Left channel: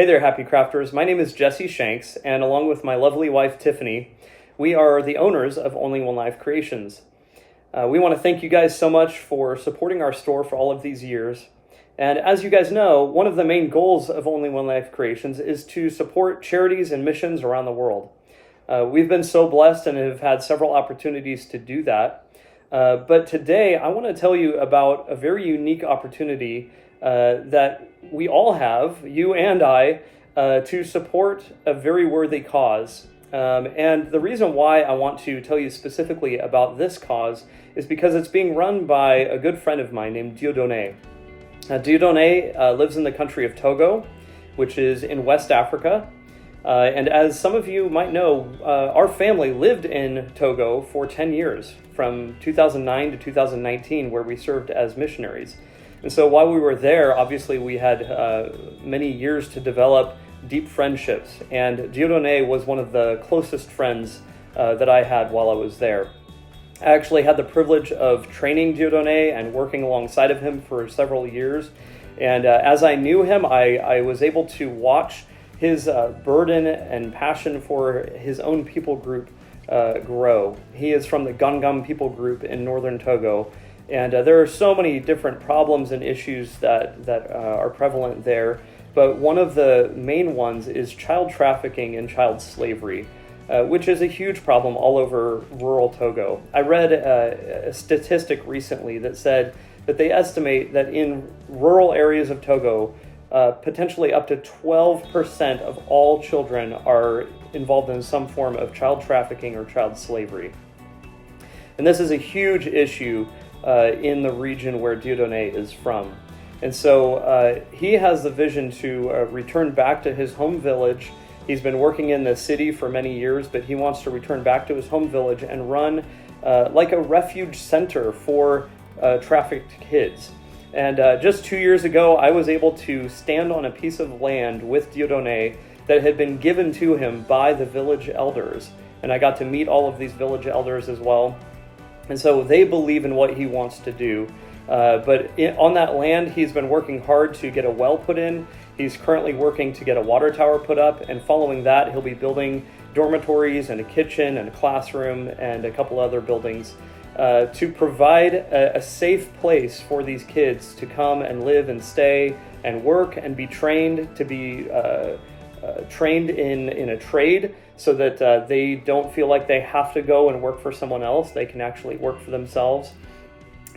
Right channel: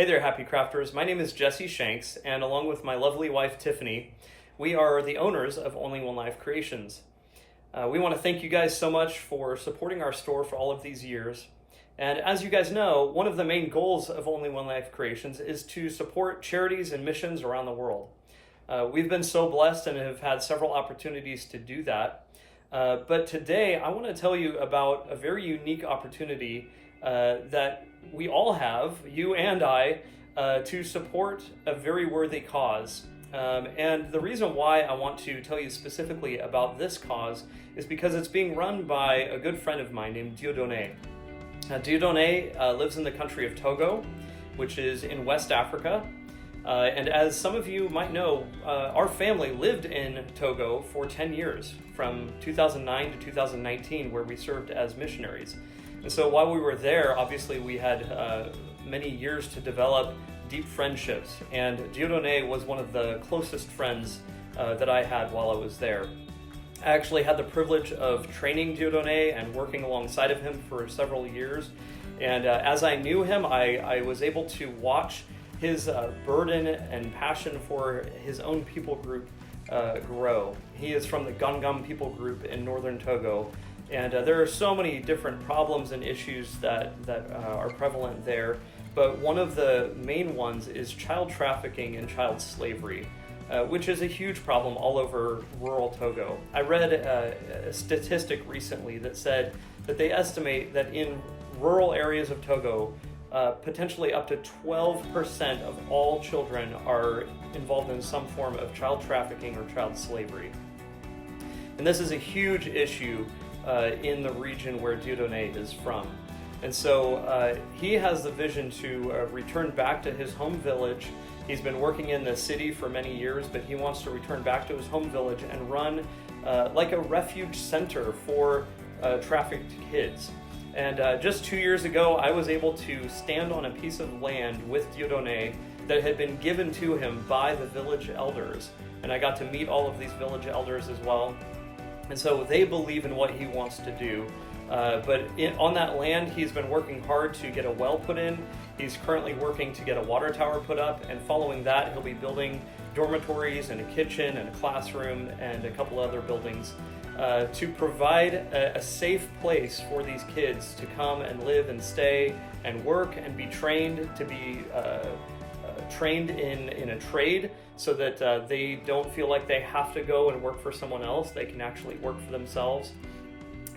Hey there, happy crafters. My name is Jesse Shanks, and along with my lovely wife, Tiffany, we are the owners of Only One Life Creations. We want to thank you guys so much for supporting our store for all of these years. And as you guys know, one of the main goals of Only One Life Creations is to support charities and missions around the world. We've been so blessed and have had several opportunities to do that. But today, I want to tell you about a very unique opportunity that we all have, you and I, to support a very worthy cause. And the reason why I want to tell you specifically about this cause is because it's being run by a good friend of mine named Dieudonné. Dieudonné lives in the country of Togo, which is in West Africa. And as some of you might know, our family lived in Togo for 10 years, from 2009 to 2019, where we served as missionaries. And so while we were there, obviously we had many years to develop deep friendships, and Dieudonné was one of the closest friends that I had while I was there. I actually had the privilege of training Dieudonné and working alongside of him for several years, and as I knew him, I was able to watch his burden and passion for his own people group grow. He is from the Gangam people group in northern Togo, and there are so many different problems and issues that are prevalent there. But one of the main ones is child trafficking and child slavery, which is a huge problem all over rural Togo. I read a statistic recently that said that they estimate that in rural areas of Togo, potentially up to 12% of all children are involved in some form of child trafficking or child slavery. And this is a huge issue in the region where Dieudonné is from. And so he has the vision to return back to his home village. He's been working in the city for many years, but he wants to return back to his home village and run like a refuge center for trafficked kids. And just 2 years ago, I was able to stand on a piece of land with Dieudonné that had been given to him by the village elders. And I got to meet all of these village elders as well. And so they believe in what he wants to do. On that land, he's been working hard to get a well put in. He's currently working to get a water tower put up. And following that, he'll be building dormitories and a kitchen and a classroom and a couple other buildings to provide a safe place for these kids to come and live and stay and work and be trained to be trained in a trade, so that they don't feel like they have to go and work for someone else. They can actually work for themselves.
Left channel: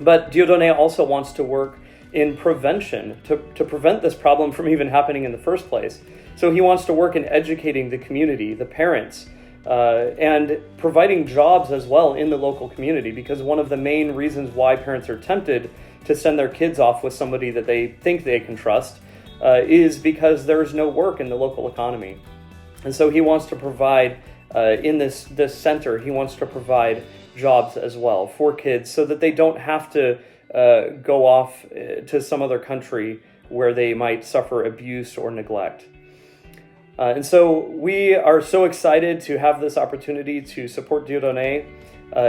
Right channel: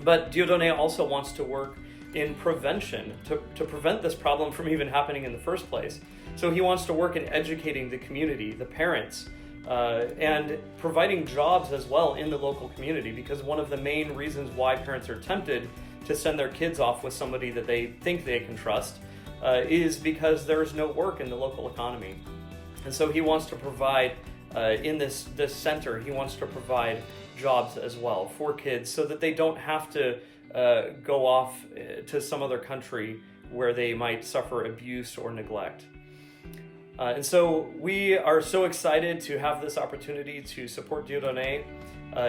But Dieudonné also wants to work in prevention to prevent this problem from even happening in the first place. So he wants to work in educating the community, the parents, and providing jobs as well in the local community, because one of the main reasons why parents are tempted to send their kids off with somebody that they think they can trust is because there's no work in the local economy. And so he wants to provide, in this center, he wants to provide jobs as well for kids so that they don't have to go off to some other country where they might suffer abuse or neglect. And so we are so excited to have this opportunity to support Dieudonné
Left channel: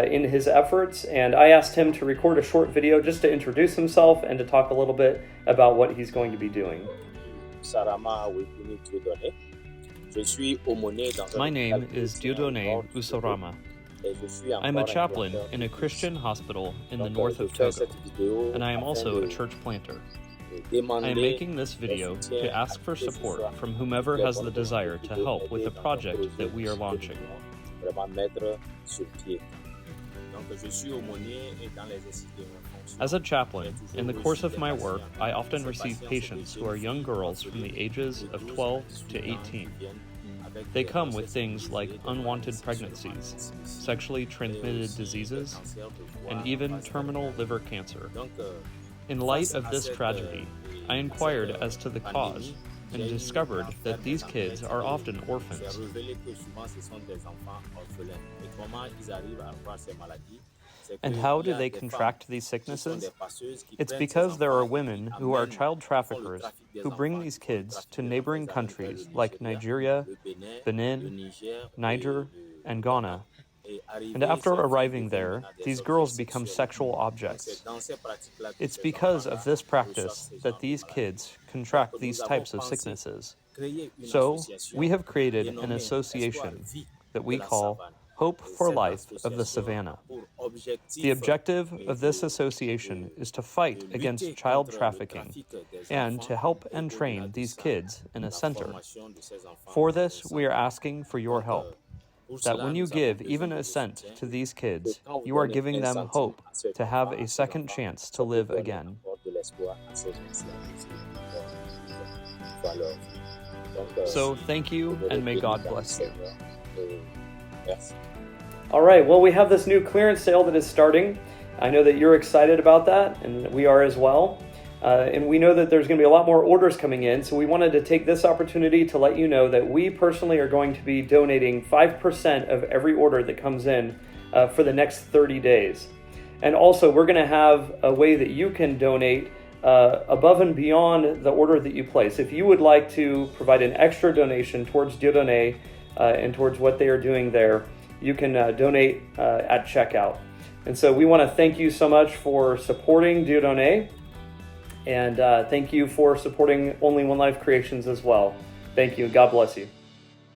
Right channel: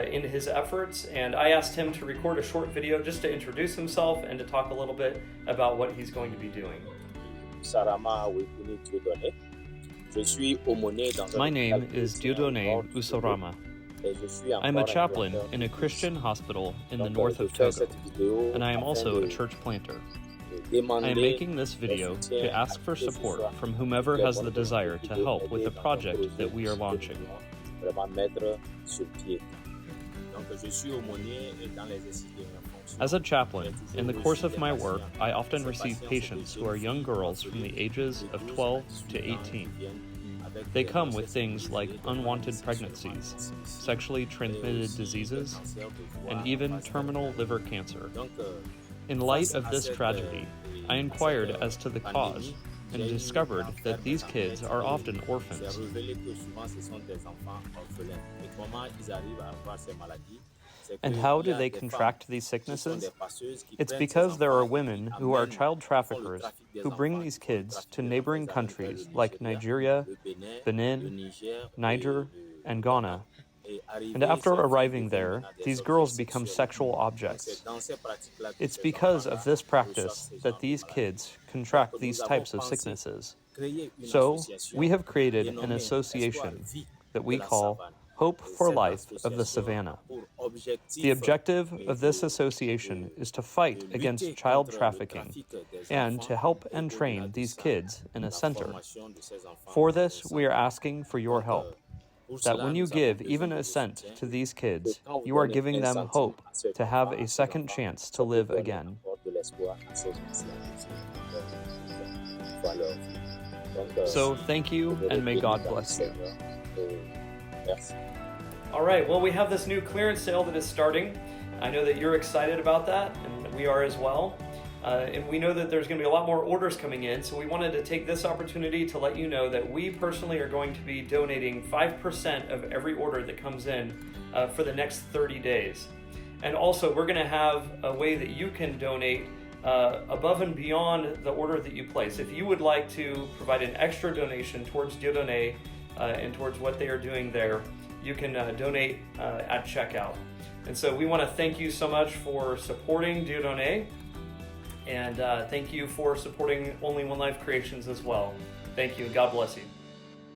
in his efforts. And I asked him to record a short video just to introduce himself and to talk a little bit about what he's going to be doing. My name is Dieudonné Ousarama. I'm a chaplain in a Christian hospital in the north of Togo, and I am also a church planter. I am making this video to ask for support from whomever has the desire to help with the project that we are launching. As a chaplain, in the course of my work, I often receive patients who are young girls from the ages of 12 to 18. They come with things like unwanted pregnancies, sexually transmitted diseases, and even terminal liver cancer. In light of this tragedy, I inquired as to the cause and discovered that these kids are often orphans. And how do they contract these sicknesses? It's because there are women who are child traffickers who bring these kids to neighboring countries like Nigeria, Benin, Niger, and Ghana. And after arriving there, these girls become sexual objects. It's because of this practice that these kids contract these types of sicknesses. So, we have created an association that we call Hope for Life of the Savannah. The objective of this association is to fight against child trafficking and to help and train these kids in a center. For this, we are asking for your help, that when you give even a cent to these kids, you are giving them hope to have a second chance to live again. So thank you, and may God bless you. All right, well, we have this new clearance sale that is starting. I know that you're excited about that, and we are as well. And we know that there's going to be a lot more orders coming in, so we wanted to take this opportunity to let you know that we personally are going to be donating 5% of every order that comes in for the next 30 days. And also, we're going to have a way that you can donate above and beyond the order that you place. If you would like to provide an extra donation towards Dieudonné and towards what they are doing there, you can donate at checkout. And so we want to thank you so much for supporting Dieudonné, and thank you for supporting Only One Life Creations as well. Thank you. God bless you.